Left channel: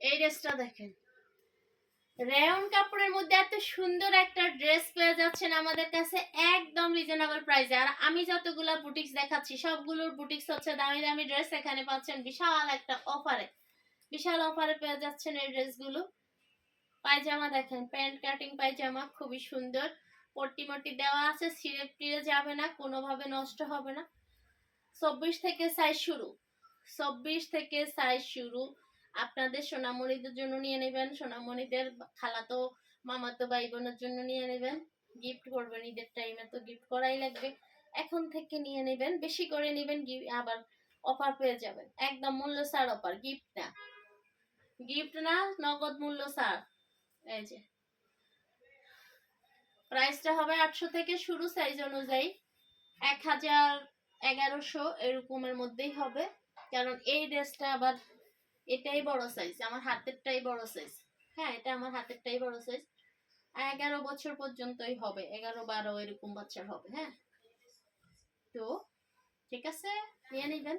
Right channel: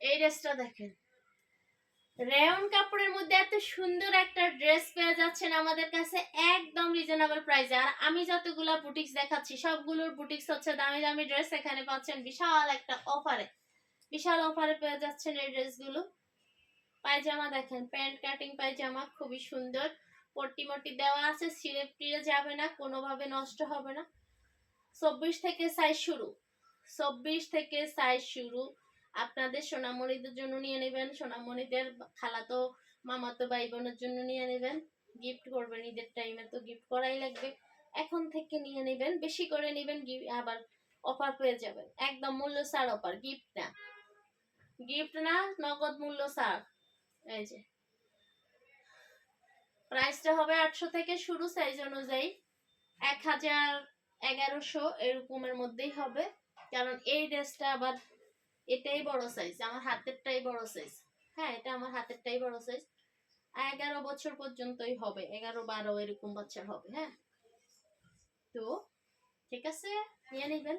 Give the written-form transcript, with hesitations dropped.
এই ড্রেসটা দেখেন, রেয়ন কাপড়ের মধ্যে এত সুন্দর একটা ড্রেস পেয়ে যাচ্ছেন আমাদের কাছে একদম রিজনেবল প্রাইসে। আর আমি যতগুলা বুটিক্স দেখাচ্ছি সবগুলোর বুটিক্স হচ্ছে দামি দামি ড্রেস, এখানে পাচ্ছেন বিশাল একটা অফারে, বিশাল অফারে পেয়ে যাচ্ছেন এই ড্রেসগুলো। পায়জামা দেখেন, প্যান্ট কাটিং পায়জামা, খুবই সুন্দর, পট্টি মট্টি দেওয়া আছে, ছিঁড়ে টিড়ে যাবে না, কোনোভাবে নষ্ট হবে না। 24 থেকে সাইজ শুরু, 24 থেকে সাইজ শুরু। আপনাদের সোনামণিদের জন্য নিয়ে নেবেন, সোনামণিদের খালাতো মামাতো ভাই বোনের জন্য নিয়ে নেবেন, গিফট করবেন, ঈদের টাইমে তো গিফট করাই লাগবে। এখন থেকে নিয়ে নেবেন, বেশি করে নেবেন, আবার অফার পেয়ে যাবেন, একদম মূল্য ছাড় অফার, গিফট না, গিফট না, নগদ মূল্য ছাড়। এই যে প্রাইসটা হবে 800 থেকে শুরু, সাইজ অনুযায়ী 1000 1100 এরকমের মধ্যেই হবে। কারণ এই ড্রেসটা আবার এটাই বড় সাইজ, আমার হাতেরটাই বড় সাইজ। হ্যাঁ, এটা আমার হাতেরটাই বড় সাইজ। 11 বছর পর্যন্তই হবে, 11 12 এরকম বাচ্চার হবে। হ্যাঁ, তো ঠিক আছে, নিয়ে নেবেন।